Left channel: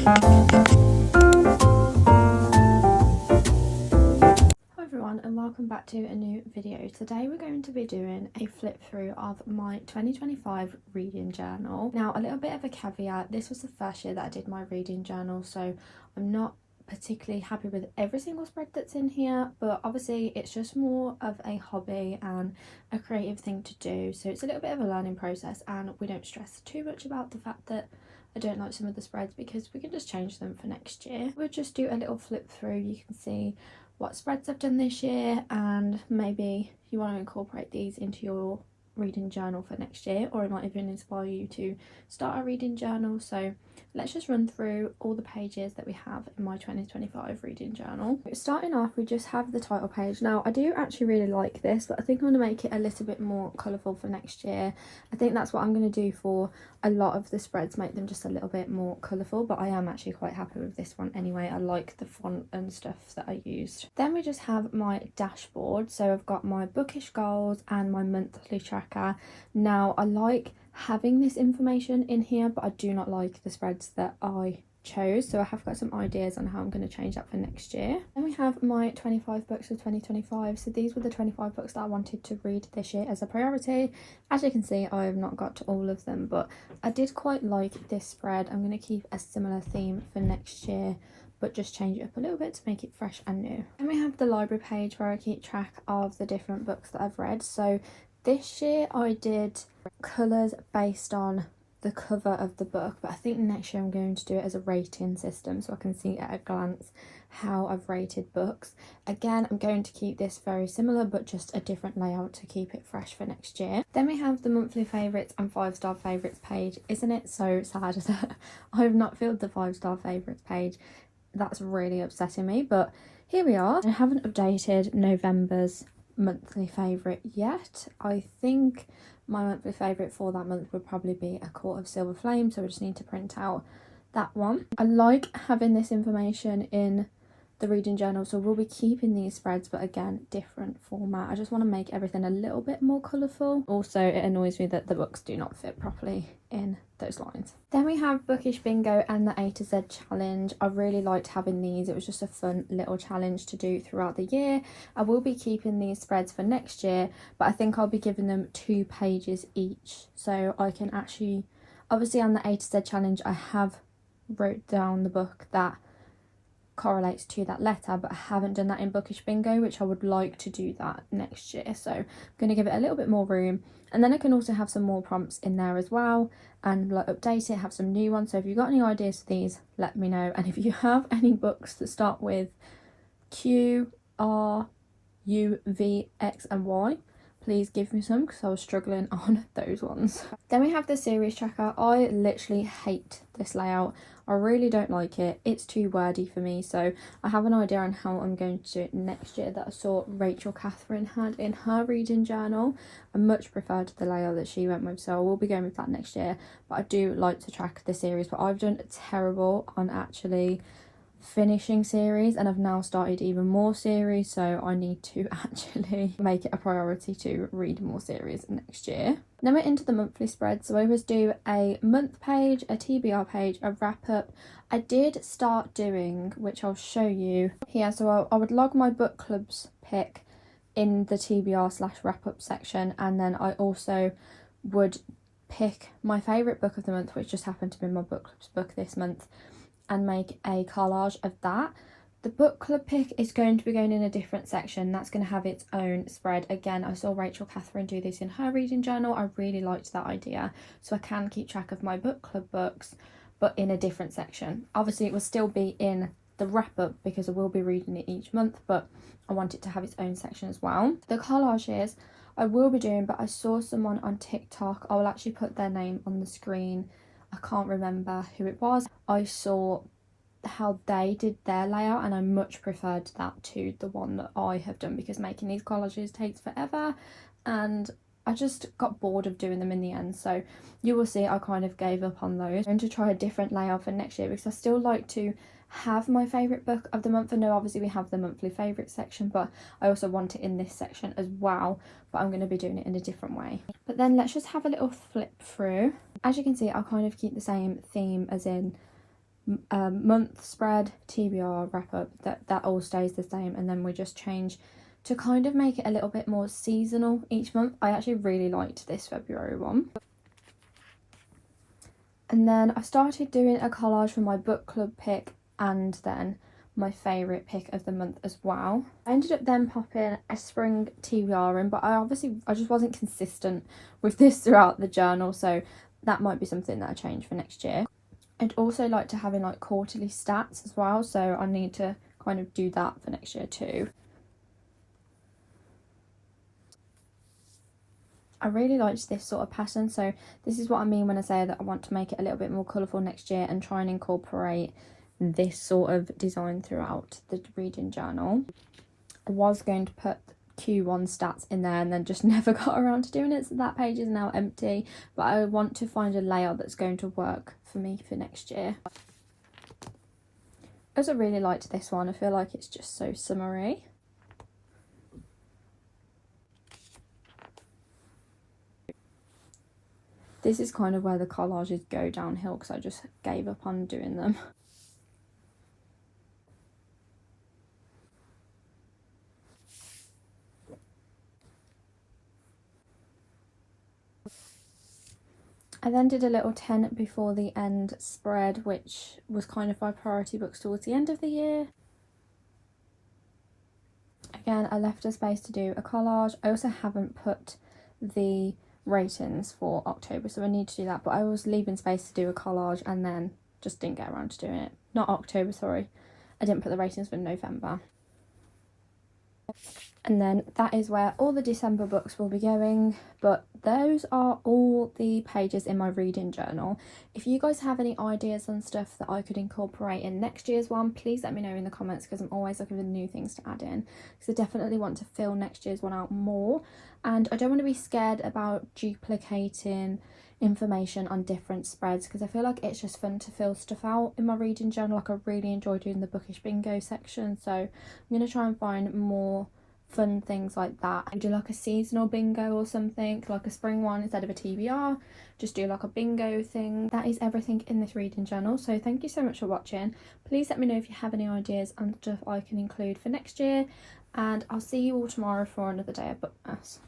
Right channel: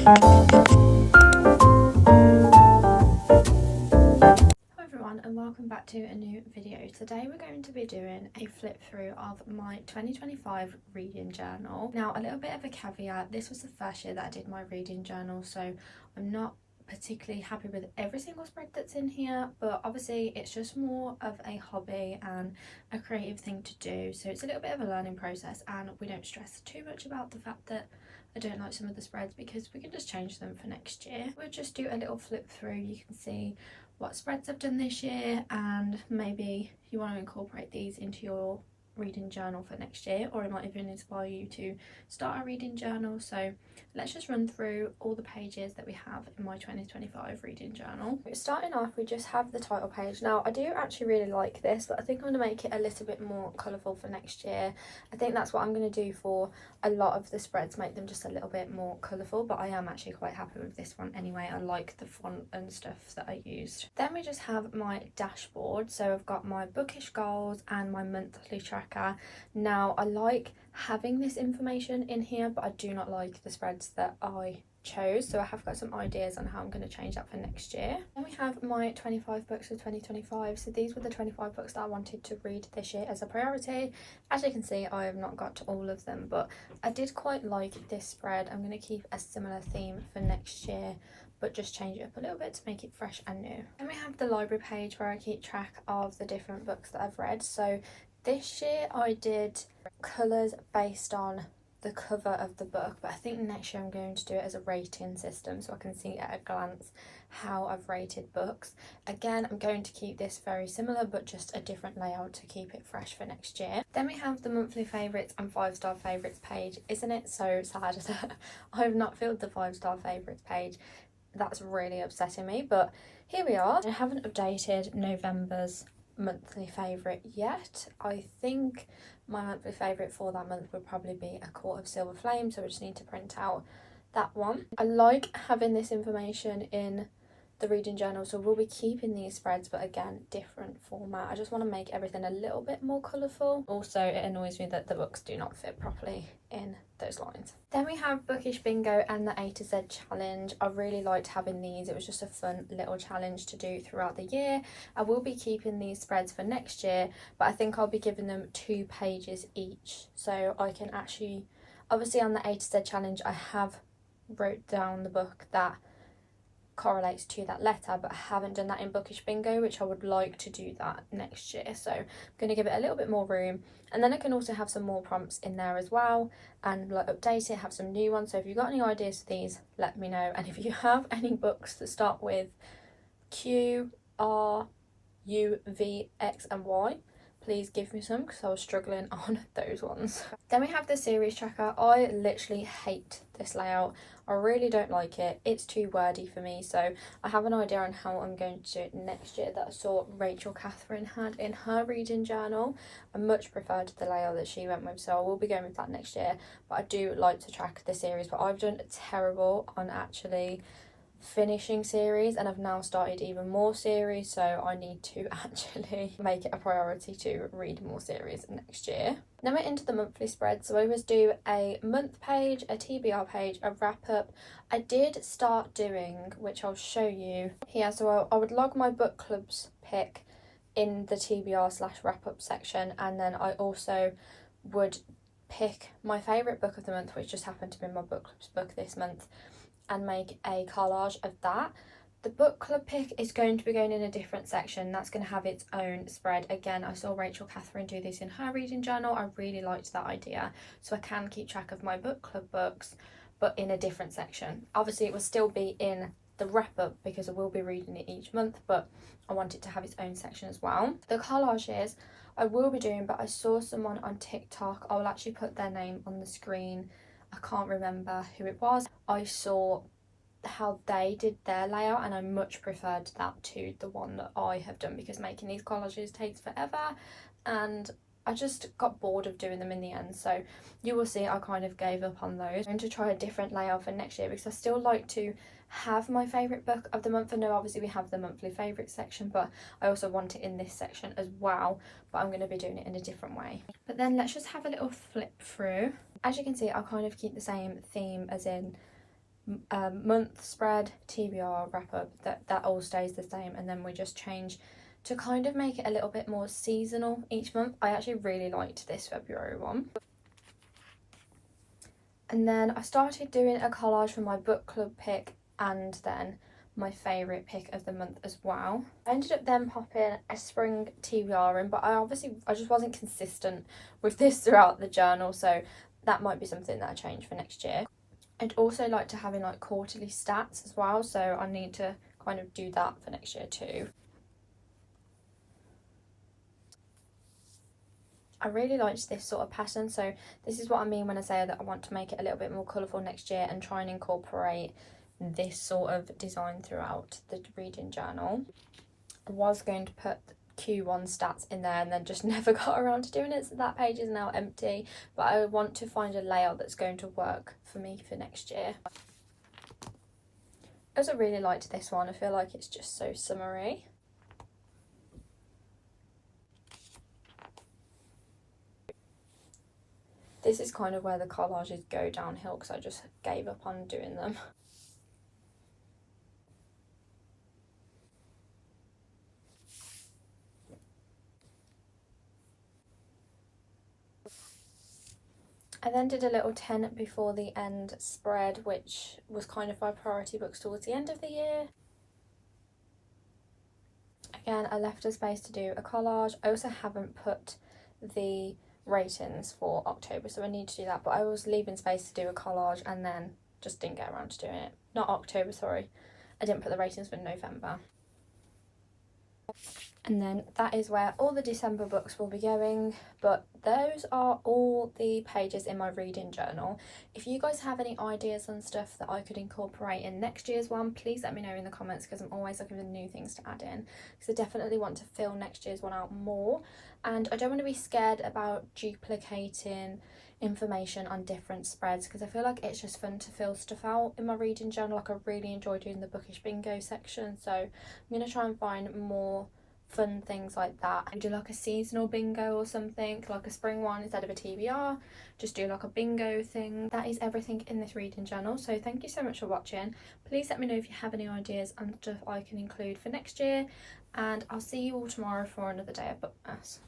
everyone and welcome back to a new video. Today we're going to be doing a flip through of my 2025 reading journal. Now, a little bit of a caveat, this was the first year that I did my reading journal, so I'm not particularly happy with every single spread that's in here, but obviously it's just more of a hobby and a creative thing to do, so it's a little bit of a learning process, and we don't stress too much about the fact that I don't like some of the spreads because we can just change them for next year. We'll just do a little flip through. You can see what spreads I've done this year, and maybe you want to incorporate these into your reading journal for next year, or it might even inspire you to start a reading journal. So let's just run through all the pages that we have in my 2025 reading journal. Starting off, we just have the title page. Now, I do actually really like this, but I think I'm going to make it a little bit more colourful for next year. I think that's what I'm going to do for a lot of the spreads, make them just a little bit more colourful, but I am actually quite happy with this one anyway. I like the font and stuff that I used. Then we just have my dashboard. So I've got my bookish goals and my monthly tracker. Now, I like having this information in here, but I do not like the spreads that I chose, so I have got some ideas on how I'm going to change that for next year. Then we have my 25 books of 2025. So these were the 25 books that I wanted to read this year as a priority. As you can see, I have not got to all of them, but I did quite like this spread. I'm going to keep a similar theme for next year, but just change it up a little bit to make it fresh and new. And we have the library page where I keep track of the different books that I've read. So this year I did colours based on the cover of the book, but I think next year I'm going to do it as a rating system so I can see at a glance how I've rated books. Again, I'm going to keep this very similar, but just a different layout to keep it fresh for next year. Then we have the monthly favourites and 5-star favourites page. Isn't it so sad that I've not filled the 5-star favourites page? That's really upsetting me, but here we are. I haven't updated November's monthly favourite yet. I think my monthly favourite for that month would probably be A Court of Silver Flame, so we just need to print out that one. I like having this information in the reading journal, so we'll be keeping these spreads, but again, different format. I just want to make everything a little bit more colourful. Also, it annoys me that the books do not fit properly in those lines. Then we have Bookish Bingo and the A to Z challenge. I really liked having these. It was just a fun little challenge to do throughout the year. I will be keeping these spreads for next year, but I think I'll be giving them 2 pages each, so I can actually, obviously on the A to Z challenge I have wrote down the book that correlates to that letter, but I haven't done that in Bookish Bingo, which I would like to do that next year, so I'm going to give it a little bit more room. And then I can also have some more prompts in there as well, and like update it, have some new ones. So if you've got any ideas for these, let me know. And if you have any books that start with Q, R, U, V, X and Y, please give me some, because I was struggling on those ones. Then we have the series tracker. I literally hate this layout. I really don't like it. It's too wordy for me, so I have an idea on how I'm going to do it next year that I saw Rachel Catherine had in her reading journal. I much preferred the layout that she went with, so I will be going with that next year. But I do like to track the series, but I've done terrible on actually finishing series, and I've now started even more series, so I need to actually make it a priority to read more series next year. Then we're into the monthly spread, so I always do a month page, a TBR page, a wrap up. I did start doing, which I'll show you here, so I would log my book club's pick in the TBR/wrap up section, and then I also would pick my favourite book of the month, which just happened to be my book club's book this month, and make a collage of that. The book club pick is going to be going in a different section. That's going to have its own spread. Again, I saw Rachel Catherine do this in her reading journal. I really liked that idea, so I can keep track of my book club books, but in a different section. Obviously it will still be in the wrap up because I will be reading it each month, but I want it to have its own section as well. The collages I will be doing, but I saw someone on TikTok, I will actually put their name on the screen, I can't remember who it was. I saw how they did their layout and I much preferred that to the one that I have done, because making these collages takes forever and I just got bored of doing them in the end. So you will see I kind of gave up on those. I'm going to try a different layout for next year, because I still like to have my favourite book of the month. I know obviously we have the monthly favourite section, but I also want it in this section as well, but I'm going to be doing it in a different way. But then let's just have a little flip through. As you can see, I'll kind of keep the same theme as in month spread, TBR, wrap up, that all stays the same, and then we just change to kind of make it a little bit more seasonal each month. I actually really liked this February one. And then I started doing a collage for my book club pick and then my favourite pick of the month as well. I ended up then popping a spring TBR in, but I just wasn't consistent with this throughout the journal, so that might be something that I change for next year. I'd also like to have in like quarterly stats as well, so I need to kind of do that for next year too. I really liked this sort of pattern, so this is what I mean when I say that I want to make it a little bit more colourful next year and try and incorporate this sort of design throughout the reading journal. I was going to put Q1 stats in there and then just never got around to doing it, so that page is now empty, but I want to find a layout that's going to work for me for next year. I also really liked this one. I feel like it's just so summery. This is kind of where the collages go downhill because I just gave up on doing them. I then did a little 10 before the end spread, which was kind of my priority books towards the end of the year. Again, I left a space to do a collage. I also haven't put the ratings for October, so I need to do that, but I was leaving space to do a collage and then just didn't get around to doing it. Not October, sorry. I didn't put the ratings for November. And then that is where all the December books will be going, but those are all the pages in my reading journal. If you guys have any ideas on stuff that I could incorporate in next year's one, please let me know in the comments, because I'm always looking for new things to add in, because I definitely want to fill next year's one out more, and I don't want to be scared about duplicating information on different spreads, because I feel like it's just fun to fill stuff out in my reading journal. Like, I really enjoy doing the bookish bingo section, so I'm going to try and find more fun things like that. I do like a seasonal bingo or something, like a spring one instead of a TBR, just do like a bingo thing. That is everything in this reading journal, so thank you so much for watching. Please let me know if you have any ideas on stuff I can include for next year, and I'll see you all tomorrow for another day of Bookmas.